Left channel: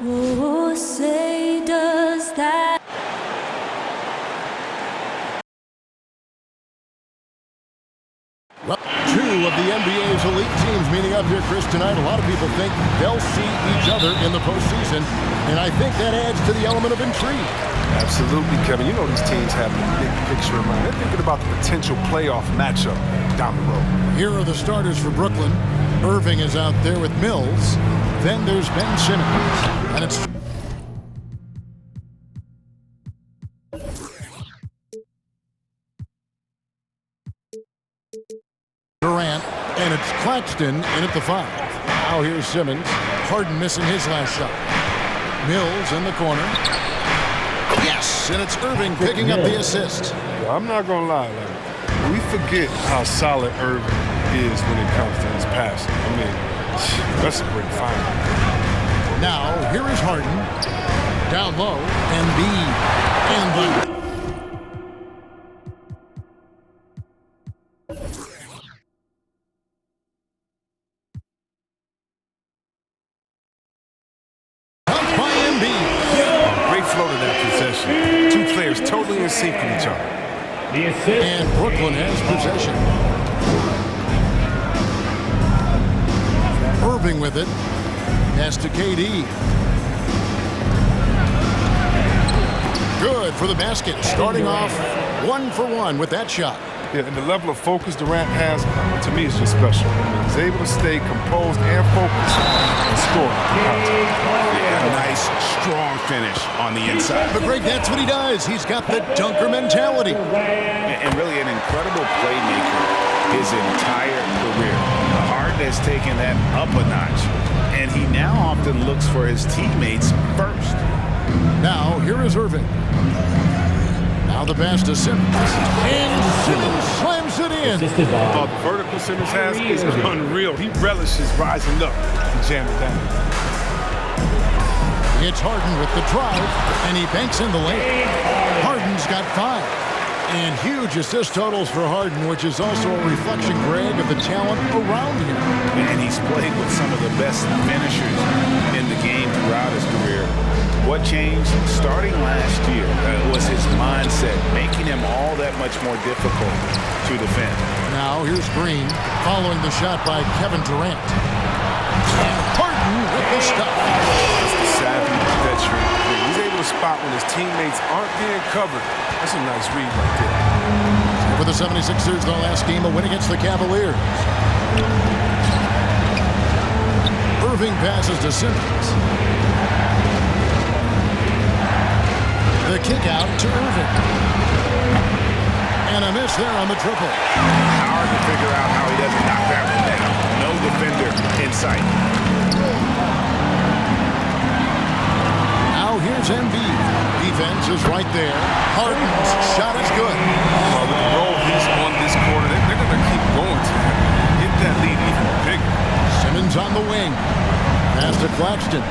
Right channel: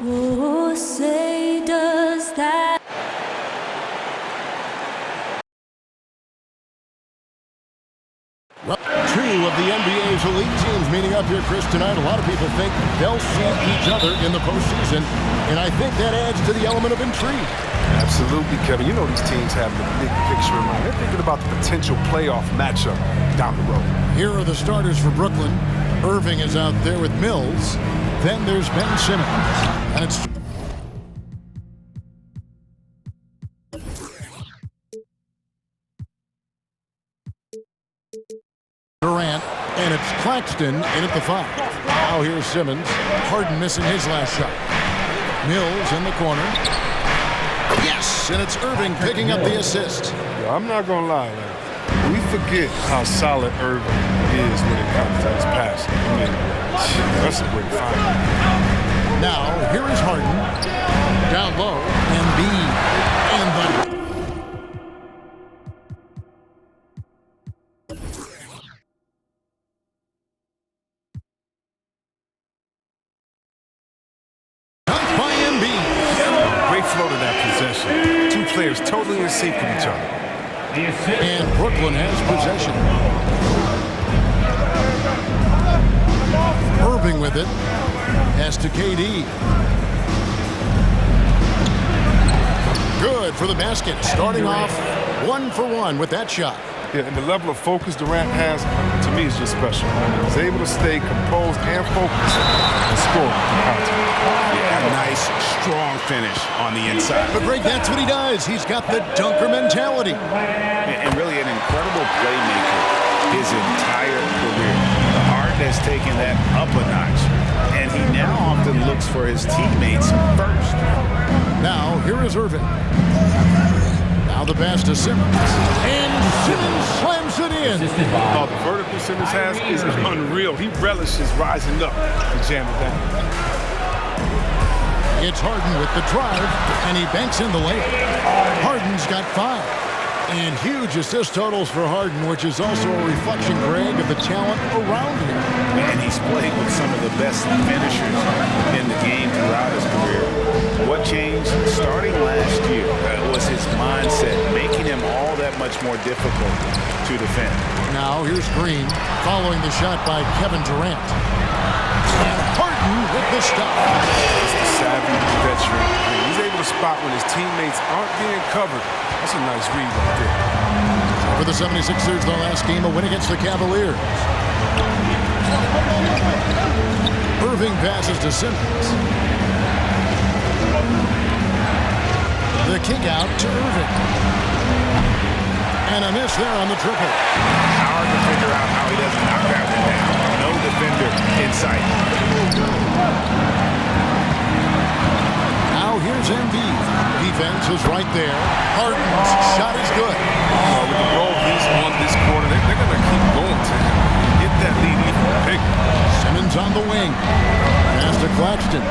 Oh, say does that. Well, two of the NBA's elite teams meeting up here, Chris, tonight. A lot of people think they'll see each other in the postseason, and I think that adds to the element of intrigue. Absolutely, Kevin. You know these teams have the big picture in mind. They're thinking about the potential playoff matchup down the road. Here are the starters for Brooklyn. Irving is out there with Mills. Then there's Ben Simmons. And it's Durant, and it's Claxton in at the 5. Now here's Simmons. Harden missing his last shot. Mills in the corner. Yes, and it's Irving picking up the assist. Yeah, I'm not going to lie. We forget how solid Irving is when it comes to his passing. I mean, that's a great find. Now, here is Harden. Down low, Embiid. And the by Embiid. Great flow to that possession. Two players totally in sync with each other. And Brooklyn has possession. Irving with it. Pass to KD. Good for the basket. Starting off 1 for 1 with that shot. Yeah, and the level of focus Durant has, to me, is just special. I mean, he's able to stay composed and focused and score in contact. Yeah, a nice, strong finish on the inside. But Greg, that's what he does. He's got the dunker mentality. And really an incredible playmaker his entire career. The Harden has taken that up a notch, and he now often looks for his teammates first. Now, here is Irving. Now the pass to Simmons. And Simmons slams it in. Oh, the vertical Simmons has is unreal. He relishes rising up to jam it down. It's Harden with the drive, and he banks in the layup. Harden's got 5. And huge assist totals for Harden, which is also a reflection, Greg, of the talent around him. And he's played with some of the best finishers in the game throughout his career. What changed starting last year was his mindset, making him all that much more difficult to defend. Now here's Green, following the shot by Kevin Durant. And Harden with the stuff. That's the savvy veteran Green. He's able to spot when his teammates aren't being covered. That's a nice read right there. So for the 76ers, the last game, a win against the Cavaliers. Irving passes to Simmons. The kick out to Irving. And a miss there on the triple. Hard to figure out how he doesn't knock that one down. No defender in sight. Now here's Embiid. Defense is right there. Harden's shot is good. With the role he's on this quarter, they're going to keep going to him. Get that lead even bigger. Simmons on the wing. Pass to Claxton.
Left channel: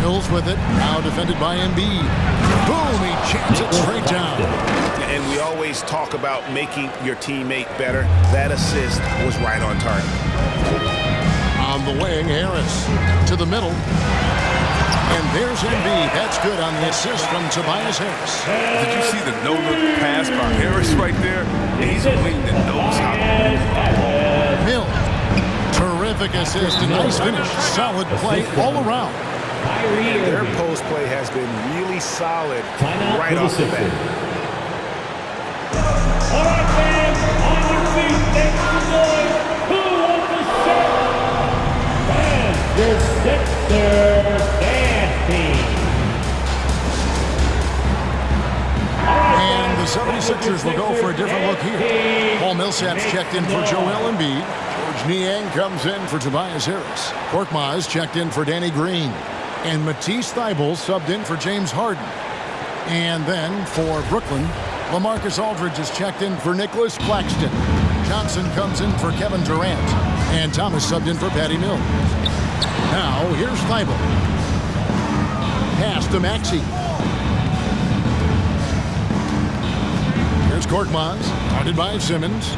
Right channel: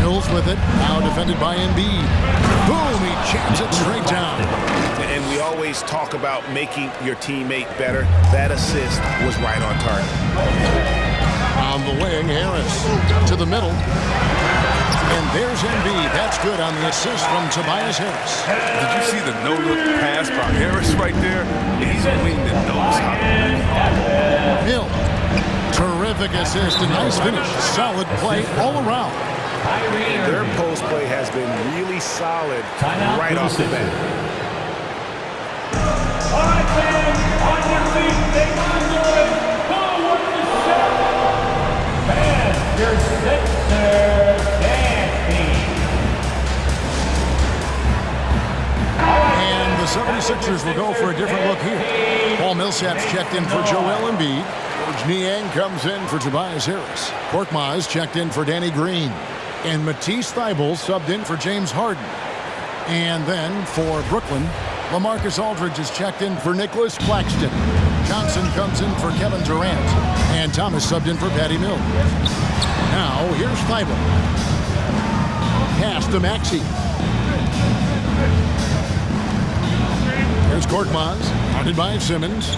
Mills with it. Now defended by Embiid. Boom! He jams it straight down. And we always talk about making your teammate better. That assist was right on target. On the wing, Harris to the middle. And there's Embiid. That's good on the assist from Tobias Harris. Did you see the no-look pass by Harris right there? He's a wing that knows how to move. Mill. Terrific assist. A nice finish. Solid play all around. And their post play has been really solid right off the bat. All right, fans, on your feet, make some noise. Who wants to show? Fans, your Sixers dance team. And the 76ers will go for a different look here. Paul Millsap's checked in for Joel Embiid. George Niang comes in for Tobias Harris. Korkmaz checked in for Danny Green. And Matisse Thybulle subbed in for James Harden. And then for Brooklyn, LaMarcus Aldridge is checked in for Nicholas Claxton. Johnson comes in for Kevin Durant. And Thomas subbed in for Patty Mills. Now, here's Thybulle. Pass to Maxey. Here's Korkmaz, guarded by Simmons.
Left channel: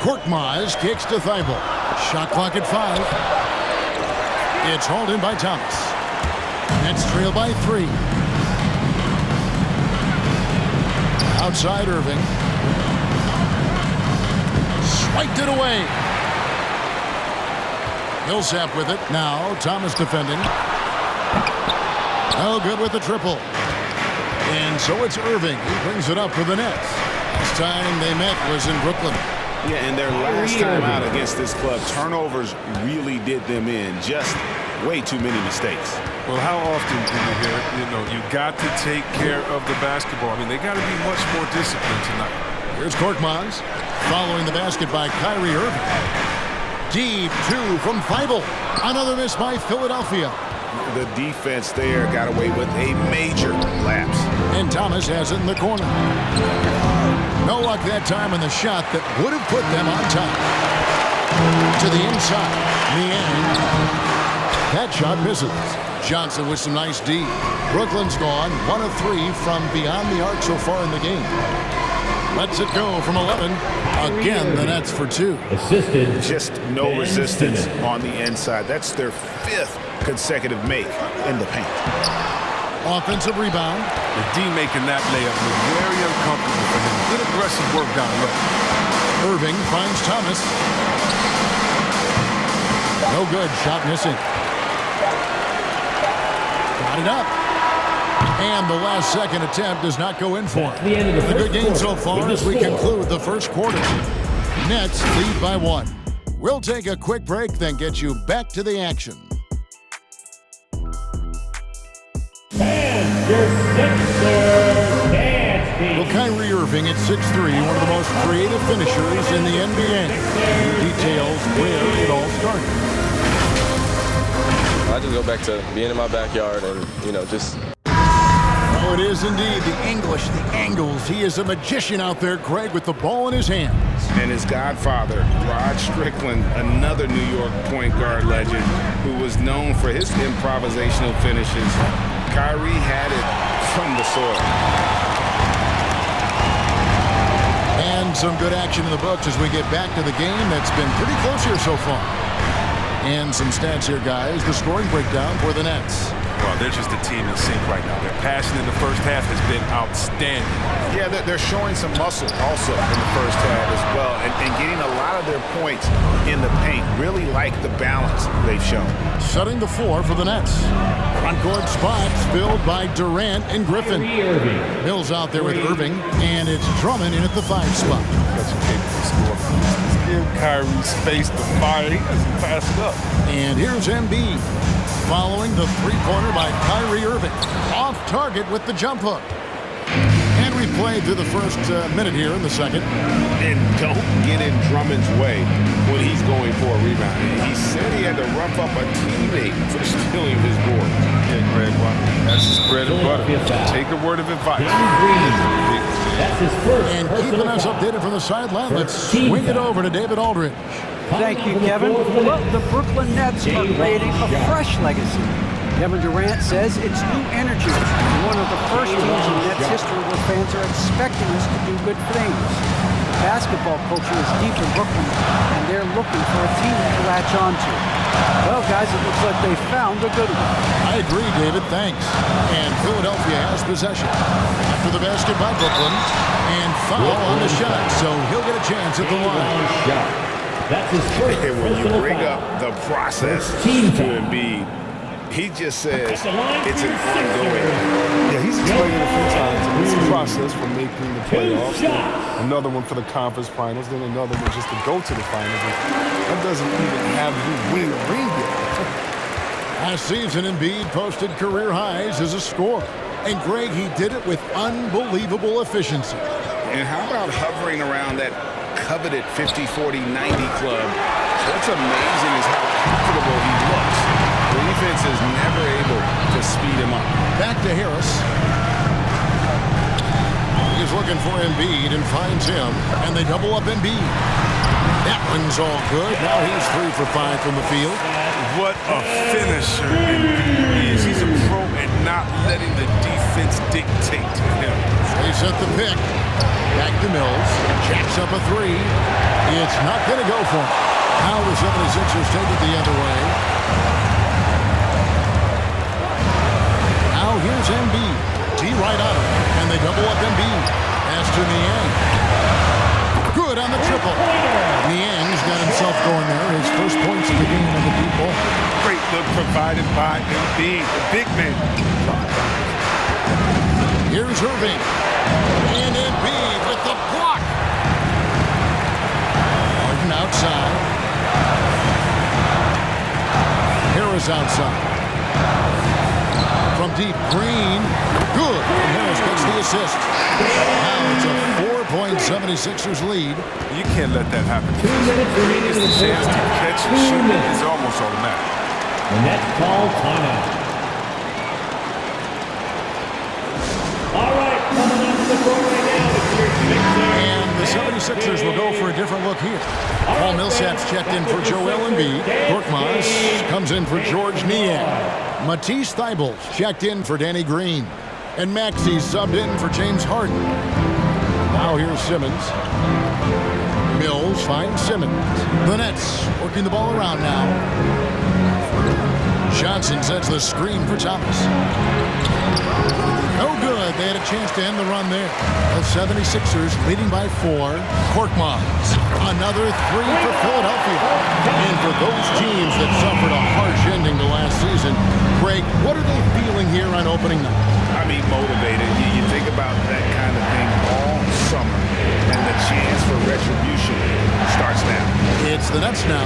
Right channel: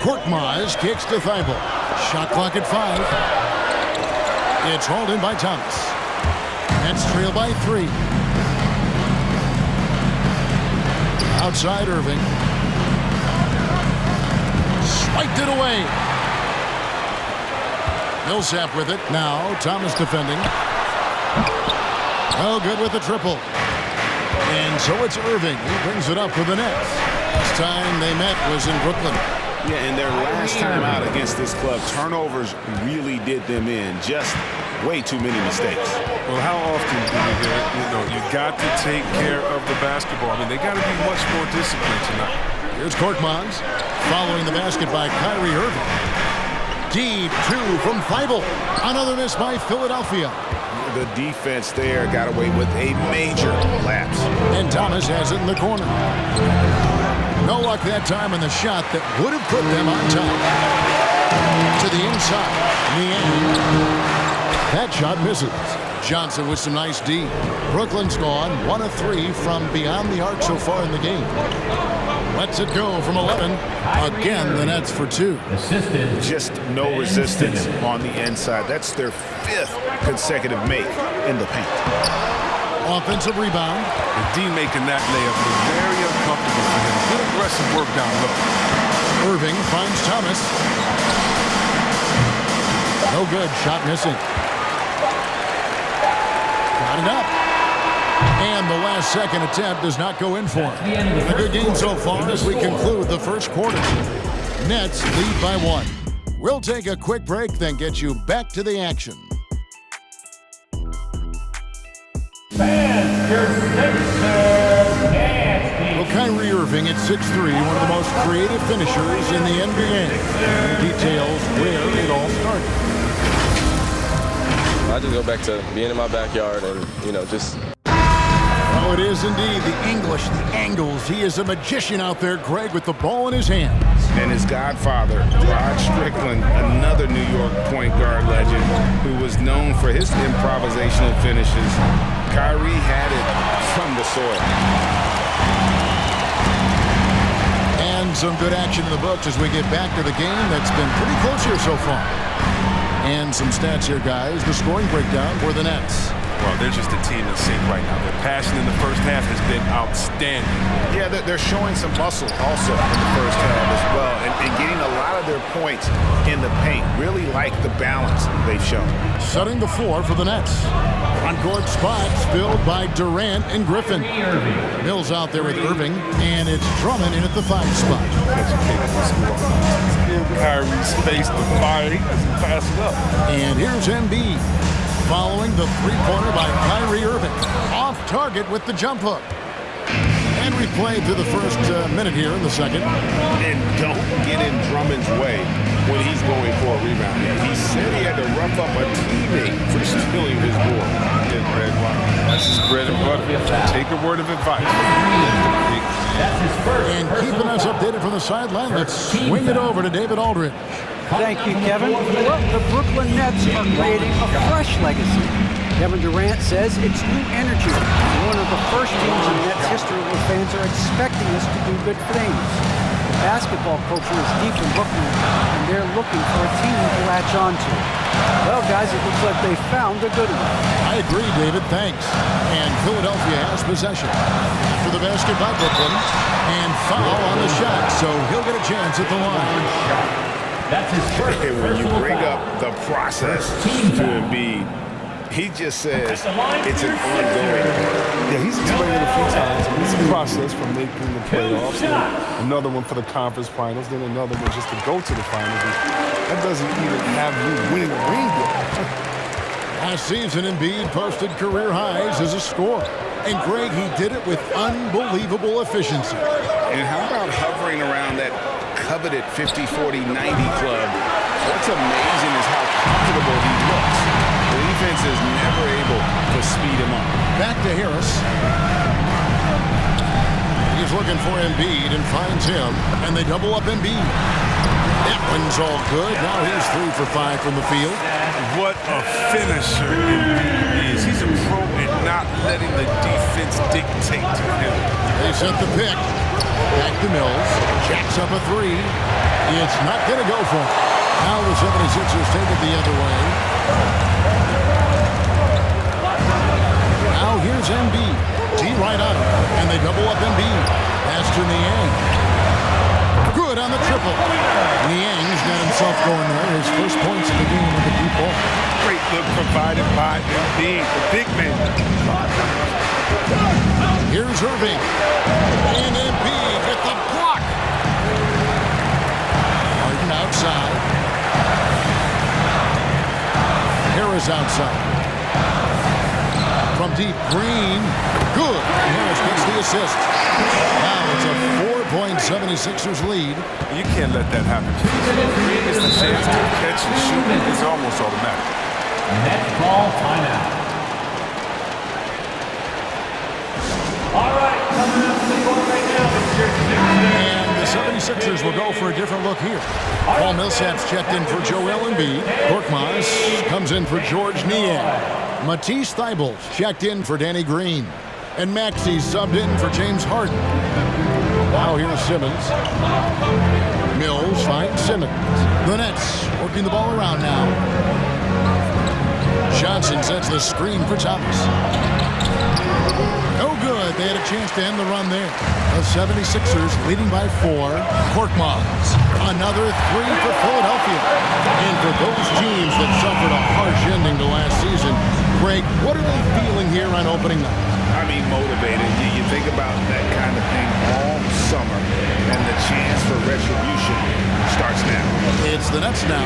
Korkmaz kicks to Thybulle. Shot clock at 5. It's hauled in by Thomas. Nets trail by 3. Outside Irving. Swiped it away. Millsap with it. Now Thomas defending. Oh, good with the triple. And so it's Irving. He brings it up for the Nets. Last time they met was in Brooklyn. Yeah, and their last time out against this club, turnovers really did them in. Just way too many mistakes. Well, how often do we hear it? You know, you got to take care of the basketball. I mean, they got to be much more disciplined tonight. Here's Korkmaz following the basket by Kyrie Irving. Deep 2 from Thibault. Another miss by Philadelphia. The defense there got away with a major lapse. And Thomas has it in the corner. No luck that time on the shot that would have put them on top. To the inside. Niang. That shot misses. Johnson with some nice D. Brooklyn's gone 1 of 3 from beyond the arc so far in the game. Lets it go from 11. Again, the Nets for 2. Assisted. Just no resistance on the inside. That's their 5th consecutive make in the paint. Offensive rebound. The D making that layup look very uncomfortable for him. Good aggressive work down low. Irving finds Thomas. No good. Shot missing. Got it up. And the last second attempt does not go in for him. A good game so far as we conclude the first quarter. Nets lead by 1. We'll take a quick break, then get you back to the action. Fans, your Sixers dance team. Well, Kyrie Irving at 6'3", one of the most creative finishers in the NBA. He details where it all started. I just go back to being in my backyard and, just... Oh, it is indeed the English, the angles. He is a magician out there, Greg, with the ball in his hands. And his godfather, Rod Strickland, another New York point guard legend who was known for his improvisational finishes. Kyrie had it from the soil. And some good action in the books as we get back to the game that's been pretty close here so far. And some stats here, guys. The scoring breakdown for the Nets. Well, they're just a team in sync right now. Their passion in the first half has been outstanding. Yeah, they're showing some muscle also in the first half as well, and getting a lot of their points in the paint. Really like the balance they've shown. Setting the floor for the Nets. Front-court spots filled by Durant and Griffin. Mills out there with Irving, and it's Drummond in at the 5 spot. Such a capable scorer. Just give Kyrie space to fire. He doesn't pass it up. And here's Embiid. Following the three-pointer by Kyrie Irving. Off target with the jump hook. And we've played through the first minute here in the second. And don't get in Drummond's way when he's going for a rebound. He said he had to rough up a teammate for stealing his board. Yeah, Greg, well, that's his bread and butter. Take a word of advice. That's his first. And keeping us updated from the sideline, let's swing it over to David Aldridge. Thank you, Kevin. Well, the Brooklyn Nets are creating a fresh legacy. Kevin Durant says it's new energy. One of the first teams in Nets history where fans are expecting us to do good things. The basketball culture is deep in Brooklyn, and they're looking for a team to latch onto. Well, guys, it looks like they found a good one. I agree, David. Thanks. And Philadelphia has possession. After the basket by Brooklyn, and foul on the shot, so he'll get a chance at the line. That's his first. And when you bring foul. up the process to Embiid, he just says it's an ongoing thing. Yeah, he's explained it a few times. I mean, it's a process from making the playoffs, then another one for the conference finals, then another one just to go to the finals. And that doesn't even have you winning a ring yet. Last season, Embiid posted career highs as a scorer. And Greg, he did it with unbelievable efficiency. And how about hovering around that coveted 50, 40, 90 club? What's amazing is how comfortable he looks. The defense is never able to speed him up. Back to Harris. He's looking for Embiid and finds him, and they double up Embiid. That one's all good. Now he's 3 for 5 from the field. What a finisher Embiid is. He's a pro at not letting the defense dictate to him. They set the pick. Back to Mills. Jacks up a 3. It's not going to go for him. Now the 76ers take it the other way. Now here's Embiid. T right on him, and they double up Embiid. Pass to Niang. Good on the triple. Niang's got himself going there. His first points of the game on the deep ball. Great look provided by Embiid, the big man. Here's Irving. And Embiid with the block. Harden outside. Harris outside. From deep, Green. Good. And Harris gets the assist. Now it's a 4-point 76ers lead. You can't let that happen. Green gets the chance to catch and shoot. It's almost automatic. Nets call timeout. All right, coming up to the court right now, it's your Sixers. And the 76ers will go for a different look here. Paul Millsap's checked in for Joel Embiid. Korkmaz comes in for George Niang. Matisse Thybulle's checked in for Danny Green. And Maxey's subbed in for James Harden. Now here's Simmons. Mills finds Simmons. The Nets working the ball around now. Johnson sets the screen for Thomas. No good. They had a chance to end the run there. The 76ers leading by 4. Korkmaz. Another 3 for Philadelphia. And for those teams that suffered a harsh ending to last season, Greg, what are they feeling here on opening night? I mean, motivated. You think about that kind of thing all summer, and the chance for retribution starts now. It's the Nets now.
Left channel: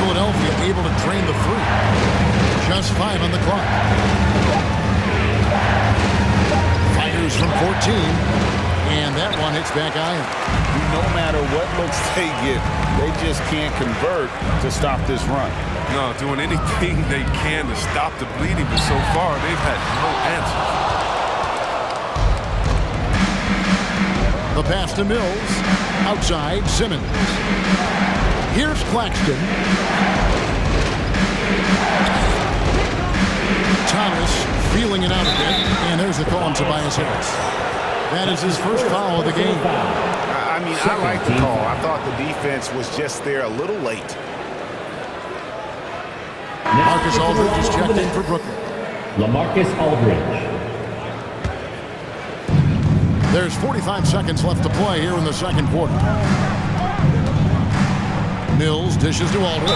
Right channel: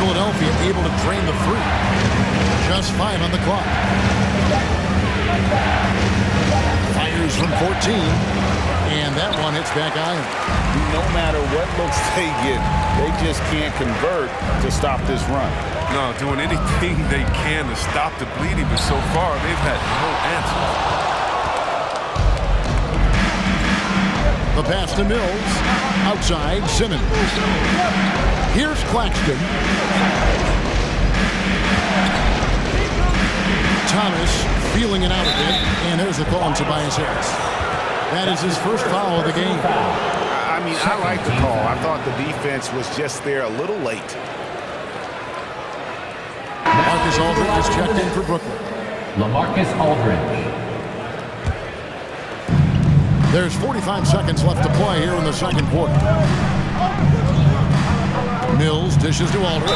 Philadelphia able to drain the 3. Just 5 on the clock. Fires from 14. And that one hits back iron. No matter what looks they get, they just can't convert to stop this run. No, doing anything they can to stop the bleeding, but so far they've had no answers. The pass to Mills. Outside, Simmons. Here's Claxton. Thomas feeling it out a bit. And there's the call on Tobias Harris. That is his first foul of the game. I mean, I like the call. I thought the defense was just there a little late. Marcus Aldridge is checked in for Brooklyn. LaMarcus Aldridge. There's 45 seconds left to play here in the second quarter. Mills dishes to Aldridge.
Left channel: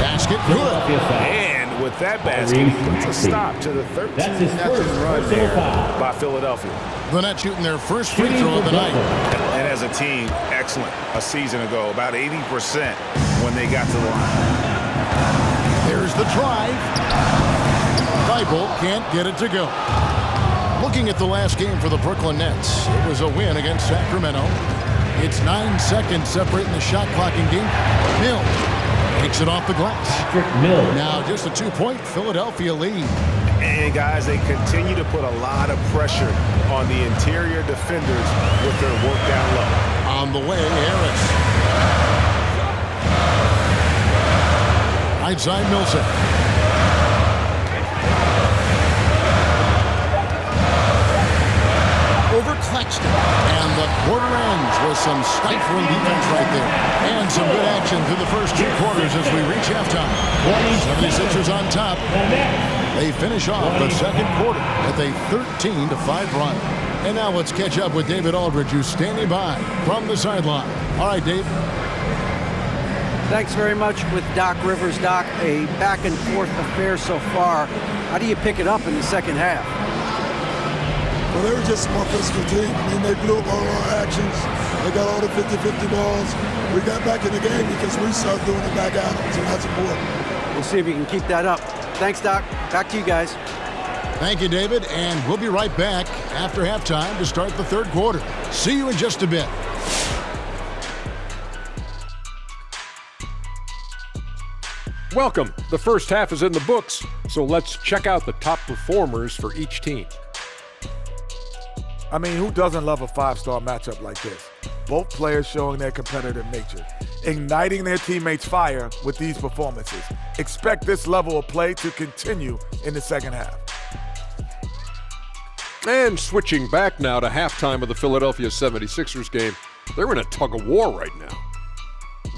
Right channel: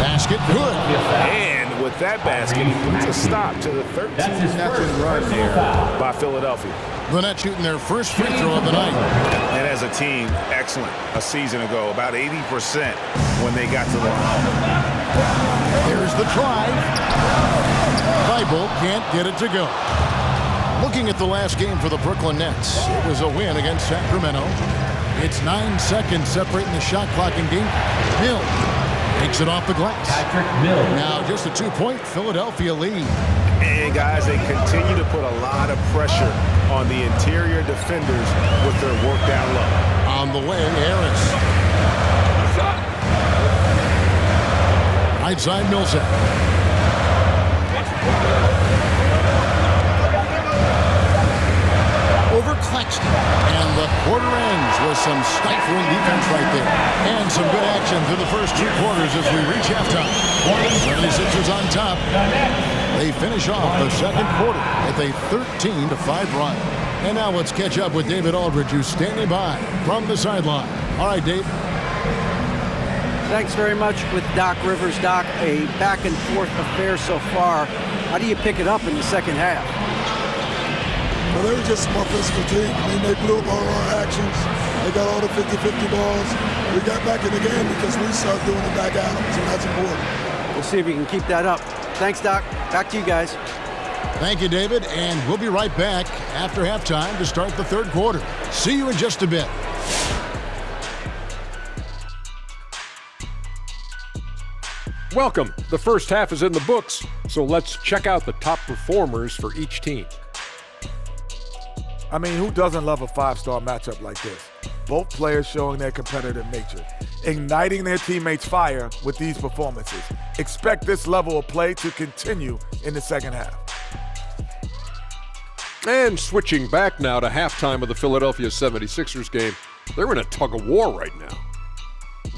Basket, good. And with that basket, puts a stop to the 13-0 run there by Philadelphia. The Nets shooting their first free throw of the night. And as a team, excellent. A season ago, about 80% when they got to the line. Here's the drive. Thibault can't get it to go. Looking at the last game for the Brooklyn Nets, it was a win against Sacramento. It's 9 seconds separating the shot clock and game. Mills takes it off the glass. Patrick Mills. Now just a 2-point Philadelphia lead. And guys, they continue to put a lot of pressure on the interior defenders with their work down low. On the way, Harris. Right side, Millsap. Over Claxton. And the quarter ends with some stifling defense right there. And some good action through the first 2 quarters as we reach halftime. 76ers on top. They finish off the second quarter with a 13-5 run. And now let's catch up with David Aldridge, who's standing by from the sideline. All right, Dave. Thanks very much with Doc Rivers. Doc, a back-and-forth affair so far. How do you pick it up in the second half? Well, they were just a more physical team. I mean, they blew up all our actions. They got all the 50-50 balls. We got back in the game because we started doing it back at them, so that's important. We'll see if you can keep that up. Thanks, Doc. Back to you guys. Thank you, David, and we'll be right back after halftime to start the third quarter. See you in just a bit. Welcome. The first half is in the books, so let's check out the top performers for each team. I mean, who doesn't love a five-star matchup like this? Both players showing their competitive nature, igniting their teammates' fire with these performances. Expect this level of play to continue in the second half. And switching back now to halftime of the Philadelphia 76ers game, they're in a tug-of-war right now.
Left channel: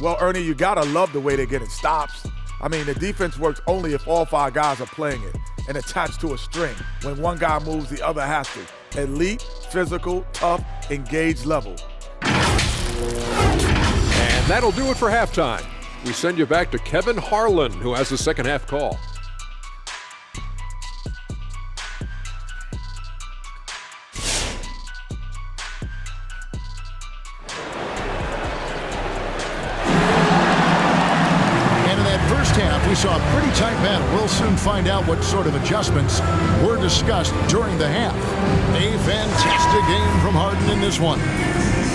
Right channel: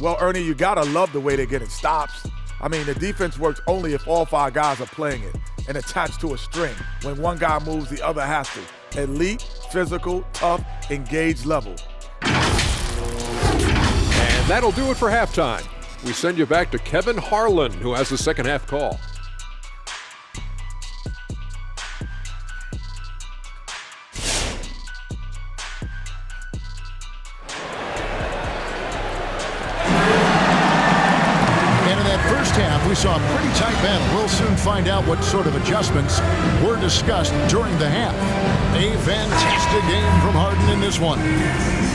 Well, Ernie, you got to love the way they're getting stops. I mean, the defense works only if all 5 guys are playing it and attached to a string. When one guy moves, the other has to. Elite, physical, tough, engaged level. And that'll do it for halftime. We send you back to Kevin Harlan, who has the second half call. And in that first half, we saw a pretty tight battle. We'll soon find out what sort of adjustments were discussed during the half. A fantastic game from Harden in this one.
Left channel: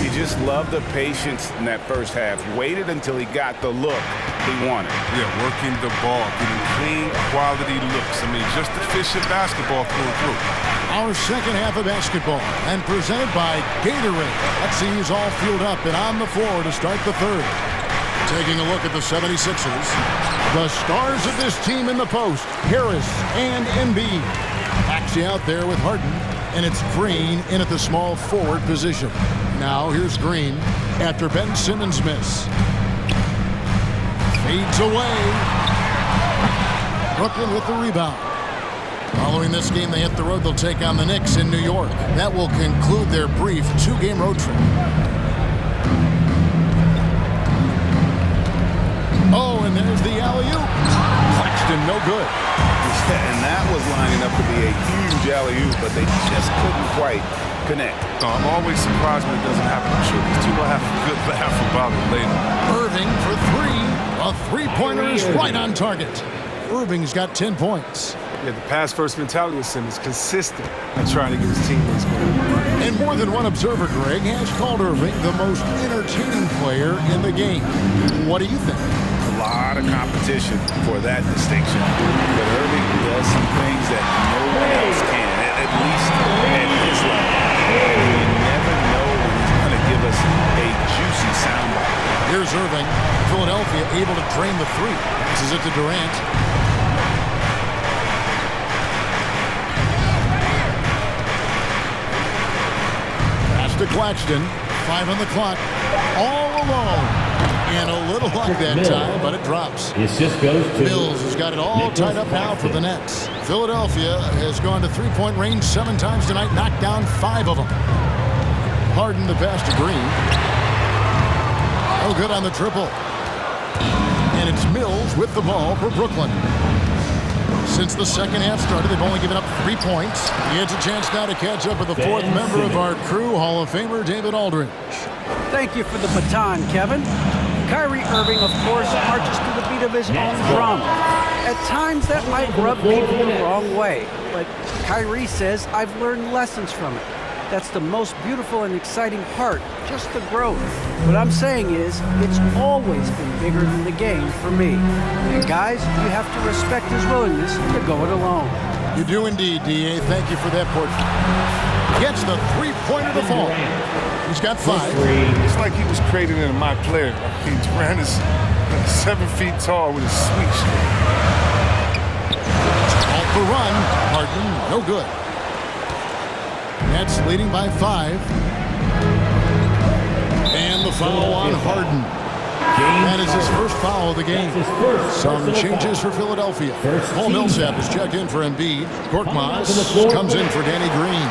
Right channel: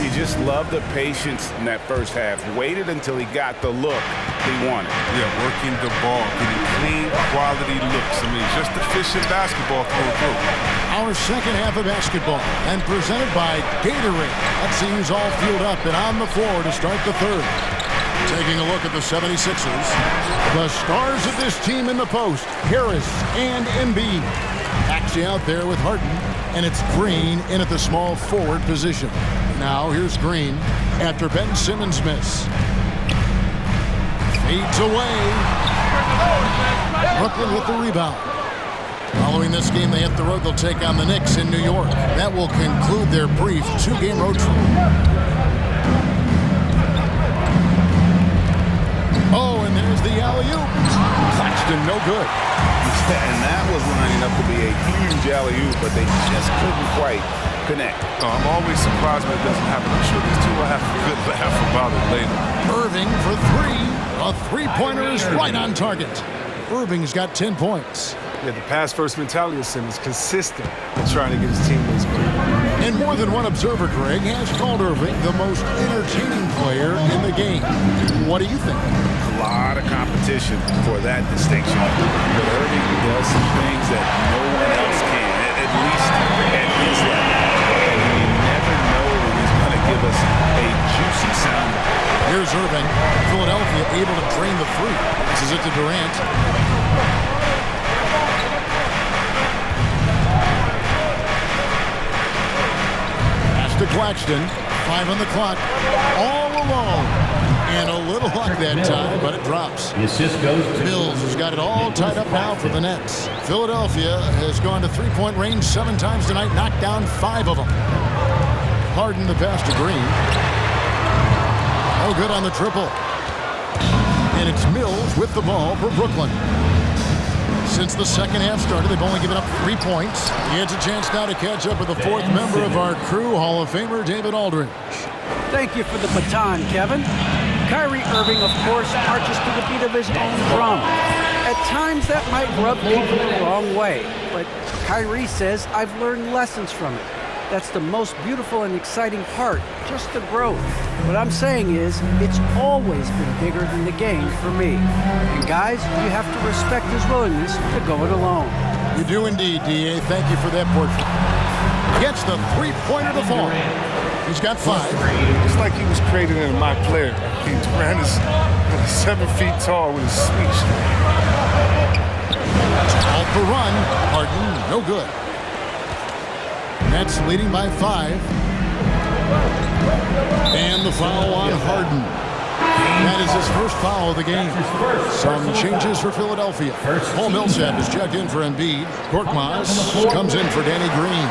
You just love the patience in that first half. Waited until he got the look he wanted. Yeah, working the ball, getting clean, quality looks. I mean, just efficient basketball through and through. Our second half of basketball, and presented by Gatorade. Let's see who's all fueled up and on the floor to start the third. Taking a look at the 76ers. The stars of this team in the post, Harris and Embiid. Actually out there with Harden, and it's Green in at the small forward position. Now here's Green after Ben Simmons' miss. Fades away. Brooklyn with the rebound. Following this game, they hit the road. They'll take on the Knicks in New York. That will conclude their brief 2-game road trip. Oh, and there's the alley-oop. Claxton, no good. And that was lining up to be a huge alley-oop, but they just couldn't quite connect. No, I'm always surprised when it doesn't happen. I'm sure these two will have a good laugh about it later. Irving for 3. A three-pointer is right on target. Irving's got 10 points. Yeah, the pass-first mentality of Simmons consistent at trying to get his teammates going. And more than one observer, Greg, has called Irving the most entertaining player in the game. What do you think? A lot of competition for that distinction. But Irving does some things that no one else can, at least at his level. And you never know when he's going to give us a juicy soundbite. Here's Irving. Philadelphia able to drain the 3. This is it to Durant. Pass to Claxton. 5 on the clock. All alone. And a little luck that time, but it drops. The assist goes to Mills has got it all tied up now for the Nets. Philadelphia has gone to three-point range 7 times tonight, knocked down 5 of them. Harden the pass to Green. No good on the triple. And it's Mills with the ball for Brooklyn. Since the second half started, they've only given up 3 points. He has a chance now to catch up with the 4th member of our crew, Hall of Famer David Aldridge. Thank you for the baton, Kevin. Kyrie Irving, of course, marches to the beat of his own drum. At times, that might rub people the wrong way, but Kyrie says, I've learned lessons from it. That's the most beautiful and exciting part, just the growth. What I'm saying is, it's always been bigger than the game for me. And guys, you have to respect his willingness to go it alone. You do indeed, D.A. Thank you for that portrait. Gets the three-pointer to fall. He's got 5. It's like he was created in my player. I mean, Durant is 7 feet tall with his sweet stroke. All for run. Harden, no good. Nets leading by 5. And the foul on Harden. That is his first foul of the game. Some changes for Philadelphia. Paul Millsap is checked in for Embiid. Korkmaz comes in for Danny Green.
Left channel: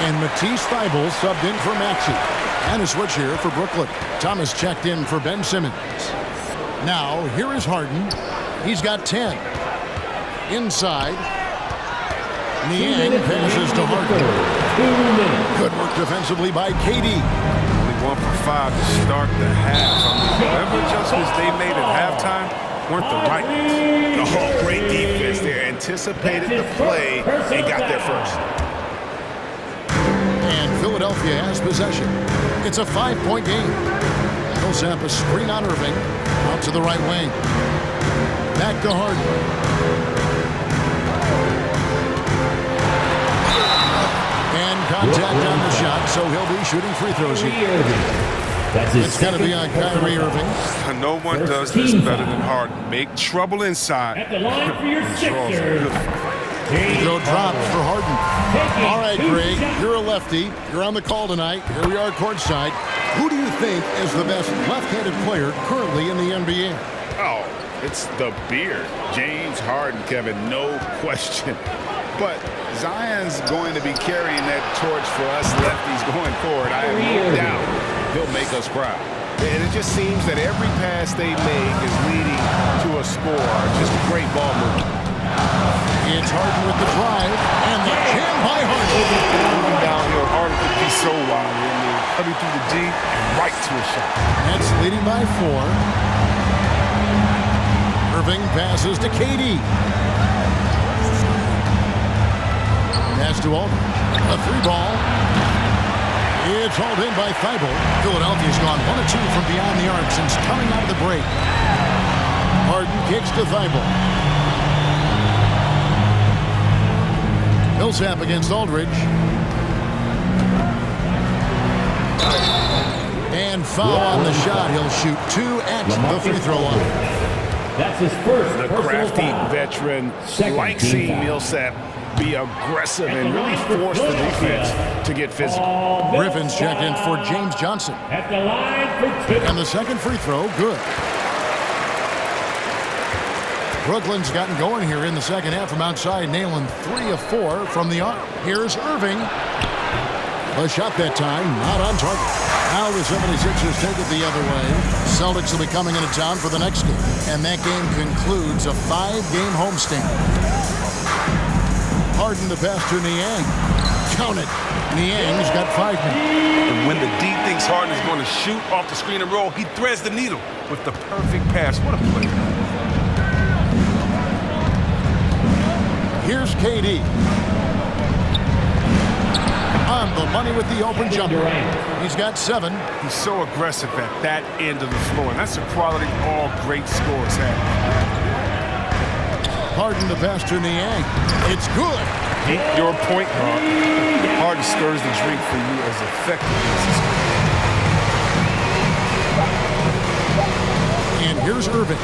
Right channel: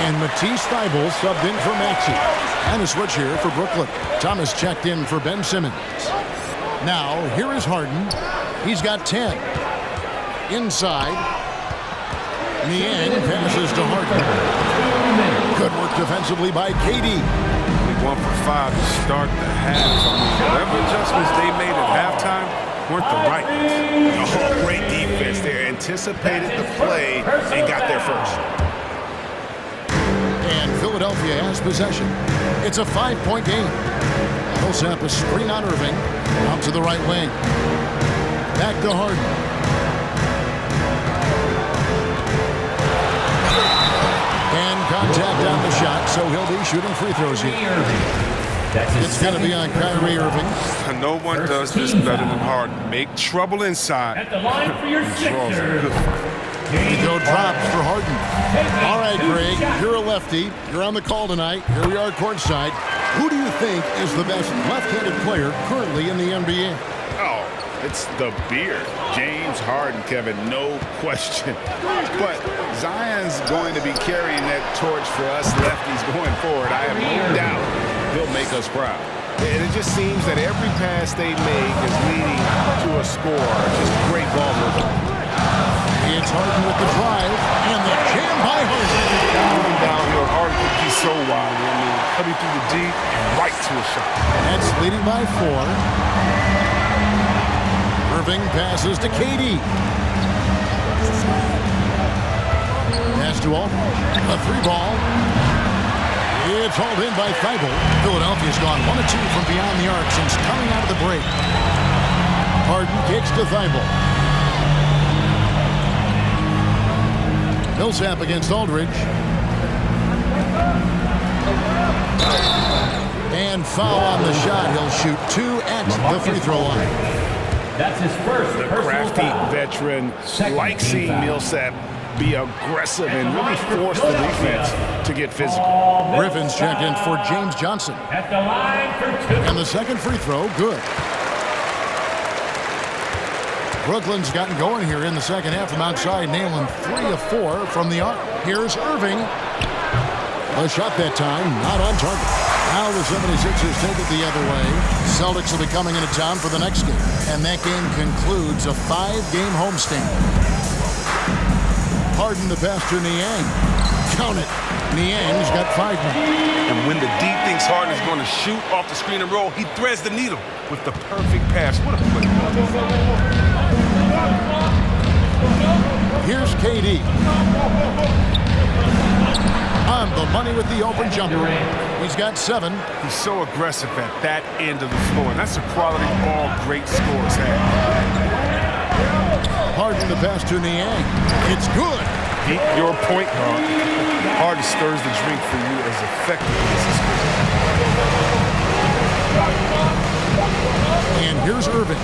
And Matisse Thybulle subbed in for Maxey. And a switch here for Brooklyn. Thomas checked in for Ben Simmons. Now, here is Harden. He's got 10. Inside. Niang passes to Harden. Good work defensively by KD. Only 1 for 5 to start the half. I mean, whatever adjustments they made at halftime weren't the right ones. Oh, great defense there. Anticipated the play and got there first. And Philadelphia has possession. It's a 5-point game. Millsap a screen on Irving. Out to the right wing. Back to Harden. And contact on the shot, so he'll be shooting free throws here. It's going to be on Kyrie Irving. No one does this better than Harden. Make trouble inside. at the line for your Sixers. Free throw drops for Harden. All right, Greg, you're a lefty. You're on the call tonight. Here we are courtside. Who do you think is the best left-handed player currently in the NBA? Oh, it's the beard. James Harden, Kevin, no question. But Zion's going to be carrying that torch for us lefties going forward. I have no doubt he'll make us proud. And it just seems that every pass they make is leading to a score. Just great ball movement. It's Harden with the drive, and the jam by Harden. Moving downhill, Harden could be so wily. I mean, cutting through the D and right to a shot. Nets leading by 4. Irving passes to KD. Pass to Aldridge. A 3-ball. It's hauled in by Thibault. Philadelphia's gone 1 of 2 from beyond the arc since coming out of the break. Harden kicks to Thibault. Millsap against Aldridge. And foul on the shot. He'll shoot 2 at the free throw line. That's his first. The crafty veteran likes seeing Millsap be aggressive and really force the defense to get physical. Griffin's checked in for James Johnson. At the line for 2. And the second free throw, good. Brooklyn's gotten going here in the second half from outside, nailing 3 of 4 from the arc. Here's Irving. A shot that time, not on target. Now the 76ers take it the other way. Celtics will be coming into town for the next game. And that game concludes a 5-game homestand. Harden the pass to Niang. Count it. Niang's got 5 now. And when the D thinks Harden is going to shoot off the screen and roll, he threads the needle with the perfect pass. What a play. Here's KD. On the money with the open jumper. He's got 7. He's so aggressive at that end of the floor, and that's a quality all great scorers have. Harden the pass to Niang. It's good. Keep your point guard. Harden stirs the drink for you as effectively as he scores. And here's Irving.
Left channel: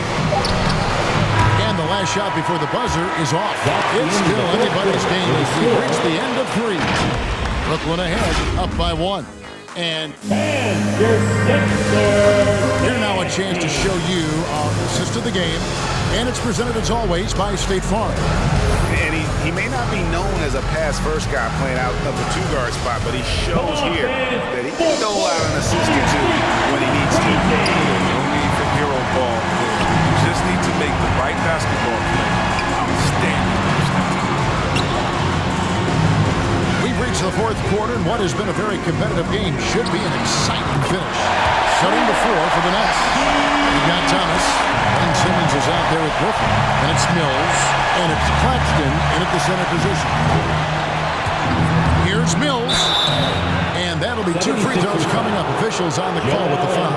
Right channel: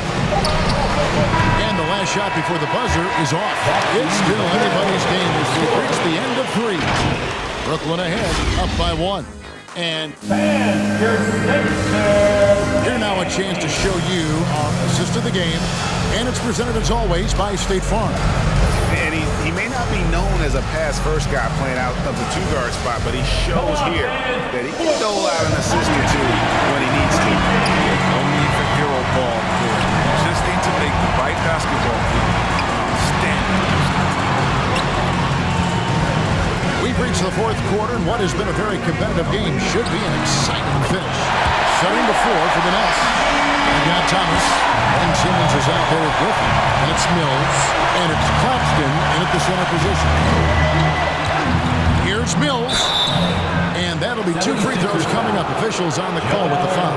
And the last shot before the buzzer is off. It's still anybody's game as we've reached the end of 3. Brooklyn ahead, up by 1. And here now a chance to show you our assist of the game. And it's presented as always by State Farm. And he may not be known as a pass-first guy playing out of the 2-guard spot, but he shows here that he can dole out an assist or 2 when he needs to. Yeah, no need for hero ball there. You just need to make the right basketball play. Outstanding. We've reached the 4th quarter, and what has been a very competitive game should be an exciting finish. Setting the floor for the Nets. We've got Thomas, and Simmons is out there with Griffin, and it's Mills, and it's Claxton in at the center position. Here's Mills, and that'll be 2 free throws coming up. Officials on the call with the foul.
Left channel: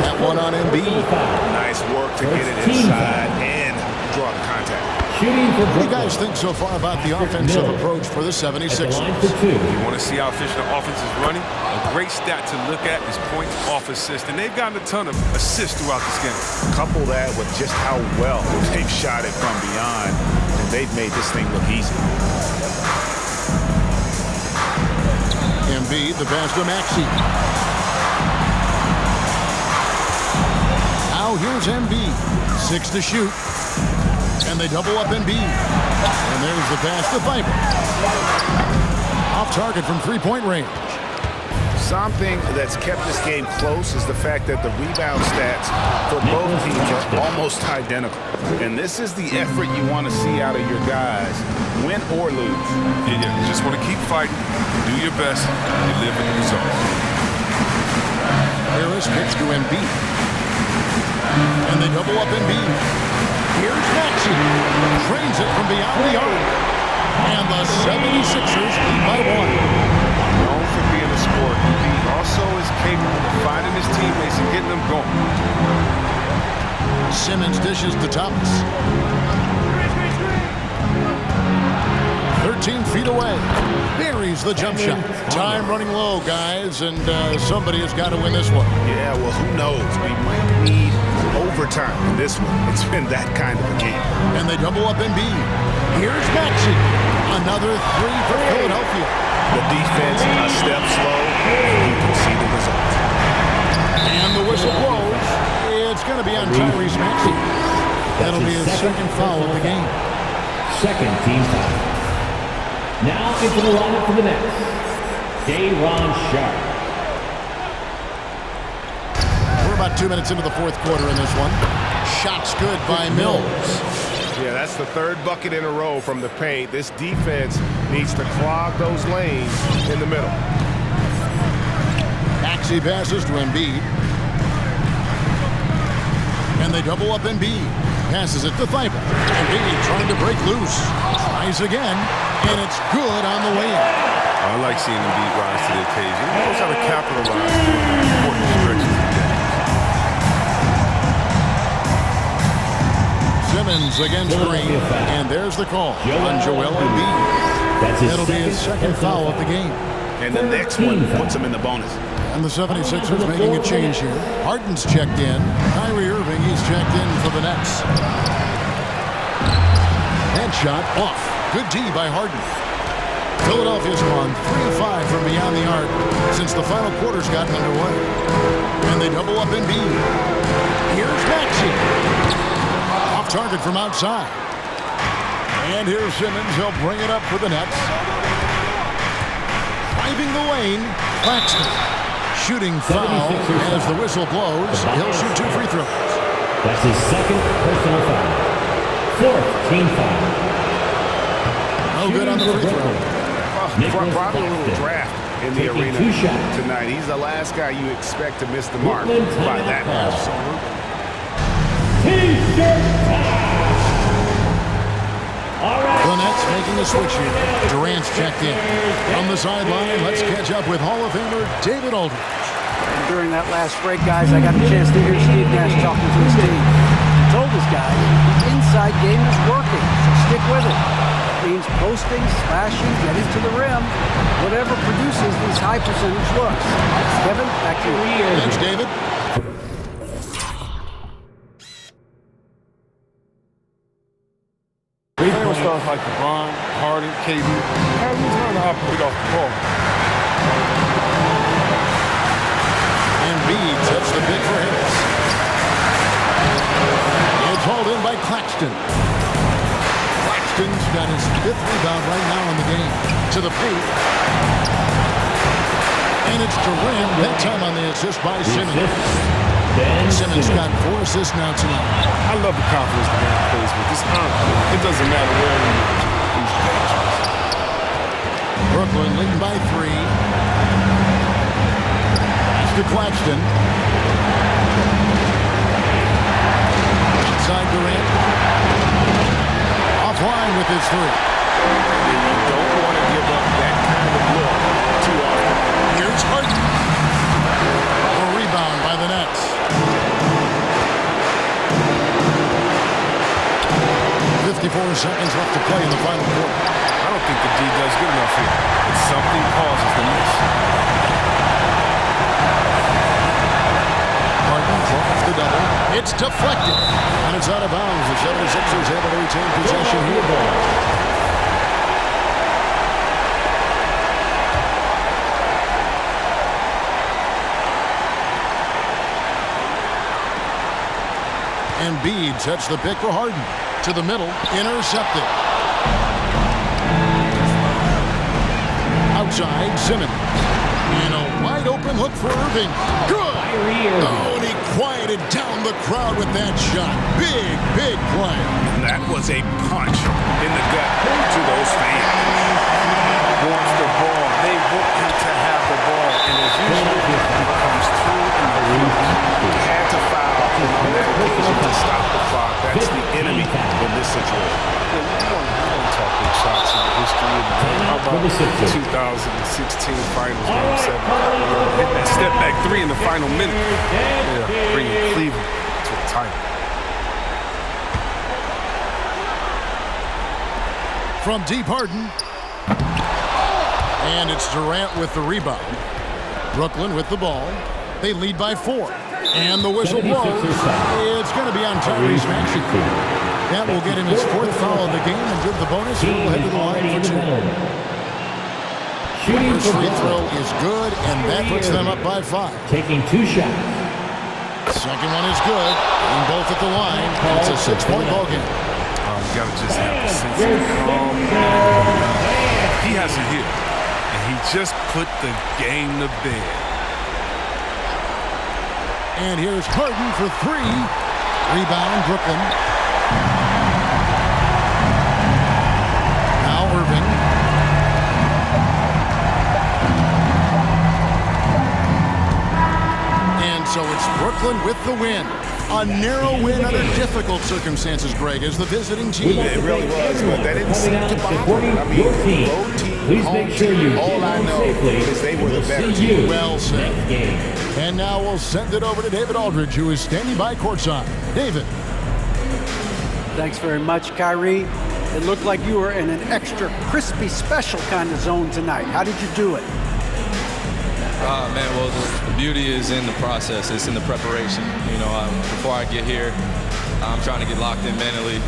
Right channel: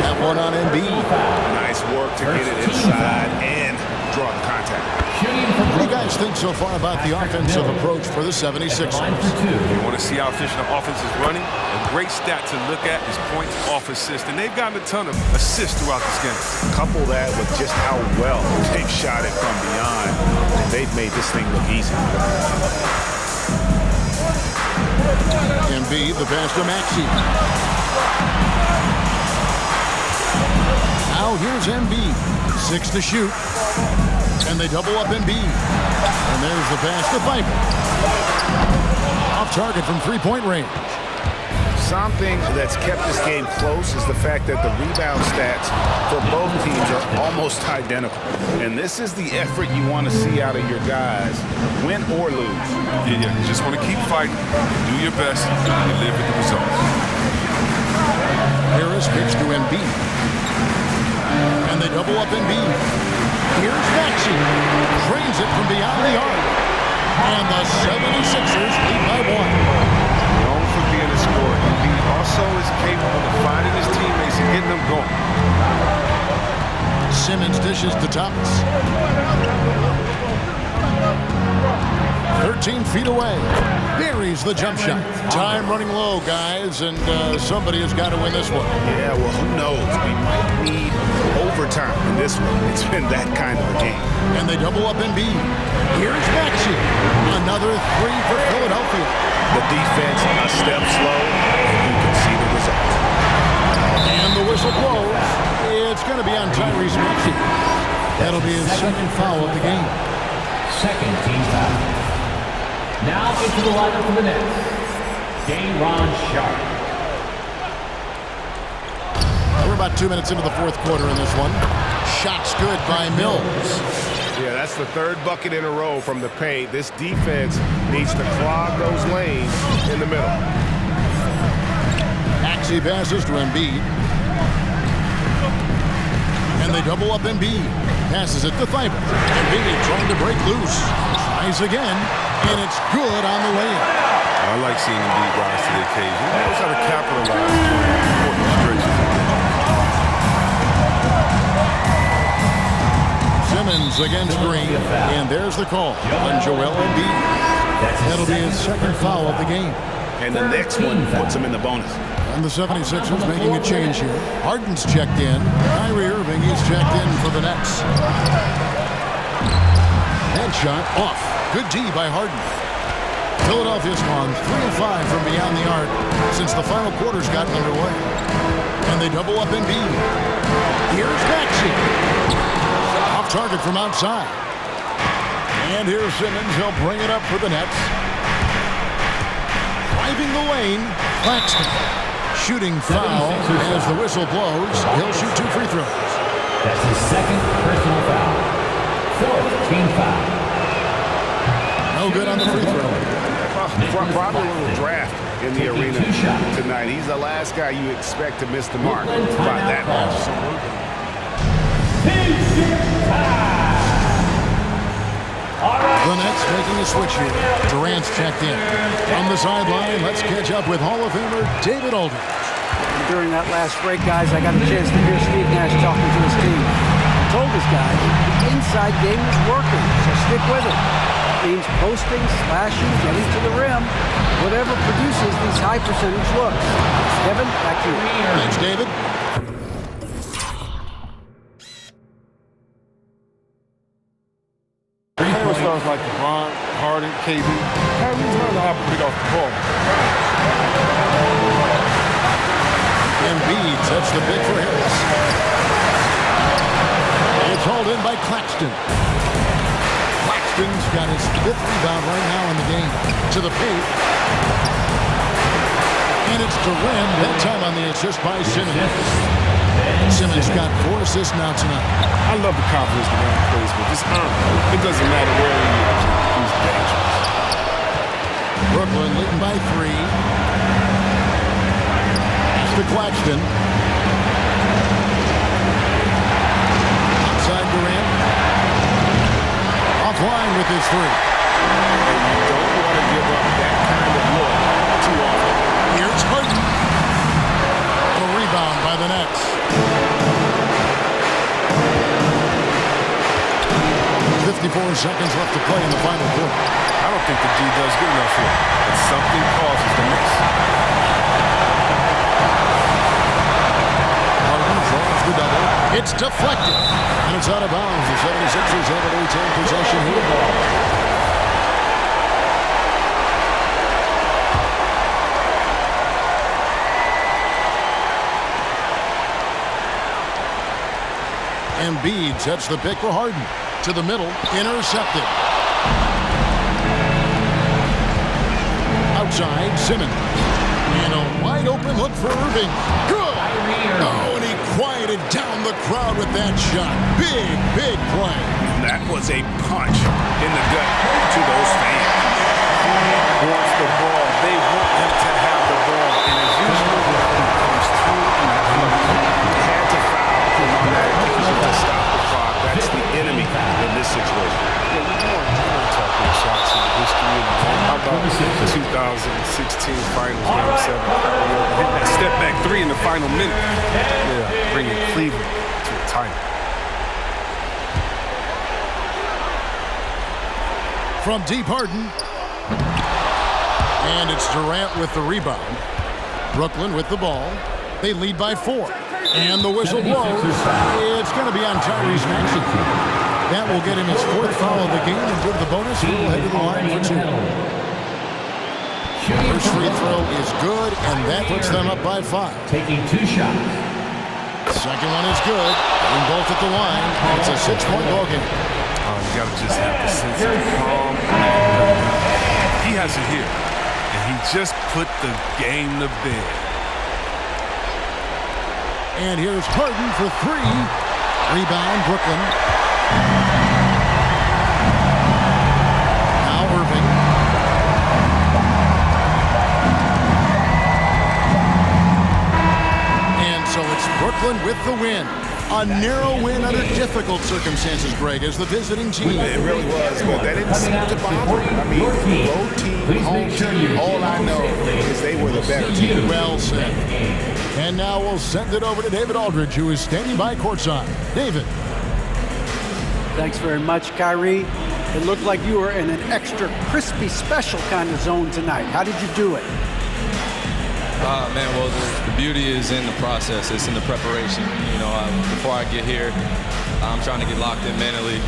That one on Embiid. Nice work to get it inside and draw the contact. What do you guys think so far about the offensive approach for the 76ers? If you want to see how efficient the offense is running, a great stat to look at is points off assist. And they've gotten a ton of assists throughout this game. Couple that with just how well they've shot it from beyond, and they've made this thing look easy. Embiid, the pass to Maxey. Now here's Embiid. 6 to shoot. And they double up Embiid. And there's the pass to Thibault. Off target from 3-point range. Something that's kept this game close is the fact that the rebound stats for both teams are almost identical. And this is the effort you want to see out of your guys, win or lose. Yeah, you just want to keep fighting, do your best, and you live with the results. Harris kicks to Embiid. And they double up Embiid. Here's Maxey. Drains it from beyond the arc. And the 76ers lead by 1. Known for being a scorer, Embiid also is capable of finding his teammates and getting them going. Simmons dishes to Thomas. 13 feet away. Buries the jump shot. Time running low, guys, and somebody has got to win this one. Yeah, well, who knows? We might need overtime in this one. It's been that kind of a game. And they double up Embiid. Here's Maxey. Another 3 for Philadelphia. The defense a step slow, and you can see the result. And the whistle blows. It's going to be on Tyrese Maxey. That'll be his second foul of the game. Second team foul. Now into the lineup for the Nets, Day'Ron Sharpe. We're about 2 minutes into the fourth quarter in this one. Shots good by Mills. Yeah, that's the third bucket in a row from the paint. This defense needs to clog those lanes in the middle. Maxey passes to Embiid. And they double up Embiid. Passes it to Thibault. Embiid trying to break loose. Tries again, and it's good on the layup. I like seeing Embiid rise to the occasion. He knows how to capitalize during important stretches of games. Simmons against Green, and there's the call on Joel Embiid. That'll be his second foul of the game. And the next one puts him in the bonus. And the 76ers making a change here. Harden's checked in. Kyrie Irving, he's checked in for the Nets. That shot off. Good D by Harden. Philadelphia's gone 3-5 from beyond the arc since the final quarter's gotten underway. And they double up Embiid. Here's Maxey. Off target from outside. And here's Simmons. He'll bring it up for the Nets. Driving the lane, Claxton. Shooting foul as the whistle blows. He'll shoot 2 free throws. That's his second personal foul. Fourth team foul. No good on the free throw. Probably a little draft in the arena tonight. He's the last guy you expect to miss the mark by that much. T-shirt time. All right. The Nets making a switch here. Durant's checked in. On the sideline, let's catch up with Hall of Famer David Aldridge. And during that last break, guys, I got a chance to hear Steve Nash talking to his team. He told his guys the inside game is working, so stick with it. That means posting, slashing, getting to the rim, whatever produces these high percentage looks. Kevin, back to you. Thanks, David. Playing stars like LeBron, Harden, KD, Kyrie's learned to operate off the ball. Embiid sets the pick for Harris. It's hauled in by Claxton. Claxton's got his 5th rebound right now in the game. To the paint. And it's Durant, that time on the assist by Simmons. Simmons got 4 assists now tonight. I love the confidence Durant plays with. This it doesn't matter where he is. He's dangerous. Brooklyn leading by 3. That's to Claxton. Outside Durant. Offline with his 3. And you don't want to give up that kind of look too often. Here's Harden. A rebound by the Nets. 54 seconds left to play in the final quarter. I don't think the D does good enough here, but something causes the miss. Harden draws the double. It's deflected. And it's out of bounds. The 76ers able to retain possession here. Embiid sets the pick for Harden. To the middle, intercepted. Outside, Simmons. And a wide open look for Irving. Good! Oh, and he quieted down the crowd with that shot. Big, big play. That was a punch in the gut to those fans. He wants the ball. They want him to have the ball. And as usual, he comes through in the clutch. He had to foul on that occasion to stop the clock. That's the enemy in this situation. Yeah, you want to talk big shots in the history of the game. How about the 2016 Finals, Game 7? Hitting that step back 3 in the final minute. Yeah, bringing Cleveland to a title. From deep, Harden. And it's Durant with the rebound. Brooklyn with the ball. They lead by 4. And the whistle blows. It's going to be on Tyrese Maxey. That will get him his 4th foul of the game and give the bonus. He'll head to the line for 2. First free throw is good, and that puts them up by 5. Taking 2 shots. Second one is good. Getting both at the line, and it's a 6-point ball game. You got to just have a sense of calm. And he has it here, and he just put the game to bed. And here's Harden for 3. Rebound, Brooklyn. Now Irving. And so it's Brooklyn with the win. A narrow win under difficult circumstances, Greg, as the visiting team. It really was, but that didn't seem to bother them. I mean, road team, home team, all I know is they were the better team. Well said. And now we'll send it over to David Aldridge, who is standing by courtside. David. Thanks very much, Kyrie. It looked like you were in an extra crispy special kind of zone tonight. How did you do it? Man, well, the beauty is in the process. It's in the preparation. You know, before I get here, I'm trying to get locked in mentally.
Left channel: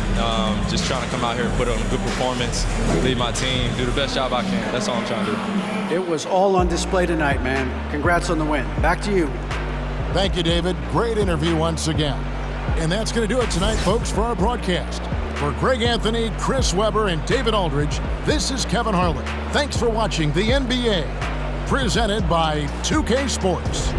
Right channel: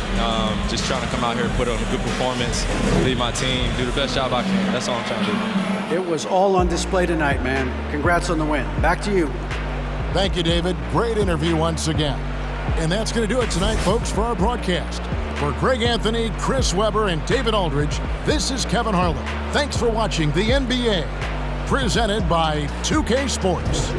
Just trying to come out here and put on a good performance, lead my team, do the best job I can. That's all I'm trying to do. It was all on display tonight, man. Congrats on the win. Back to you. Thank you, David. Great interview once again. And that's going to do it tonight, folks, for our broadcast. For Greg Anthony, Chris Webber, and David Aldridge, this is Kevin Harlan. Thanks for watching the NBA, presented by 2K Sports.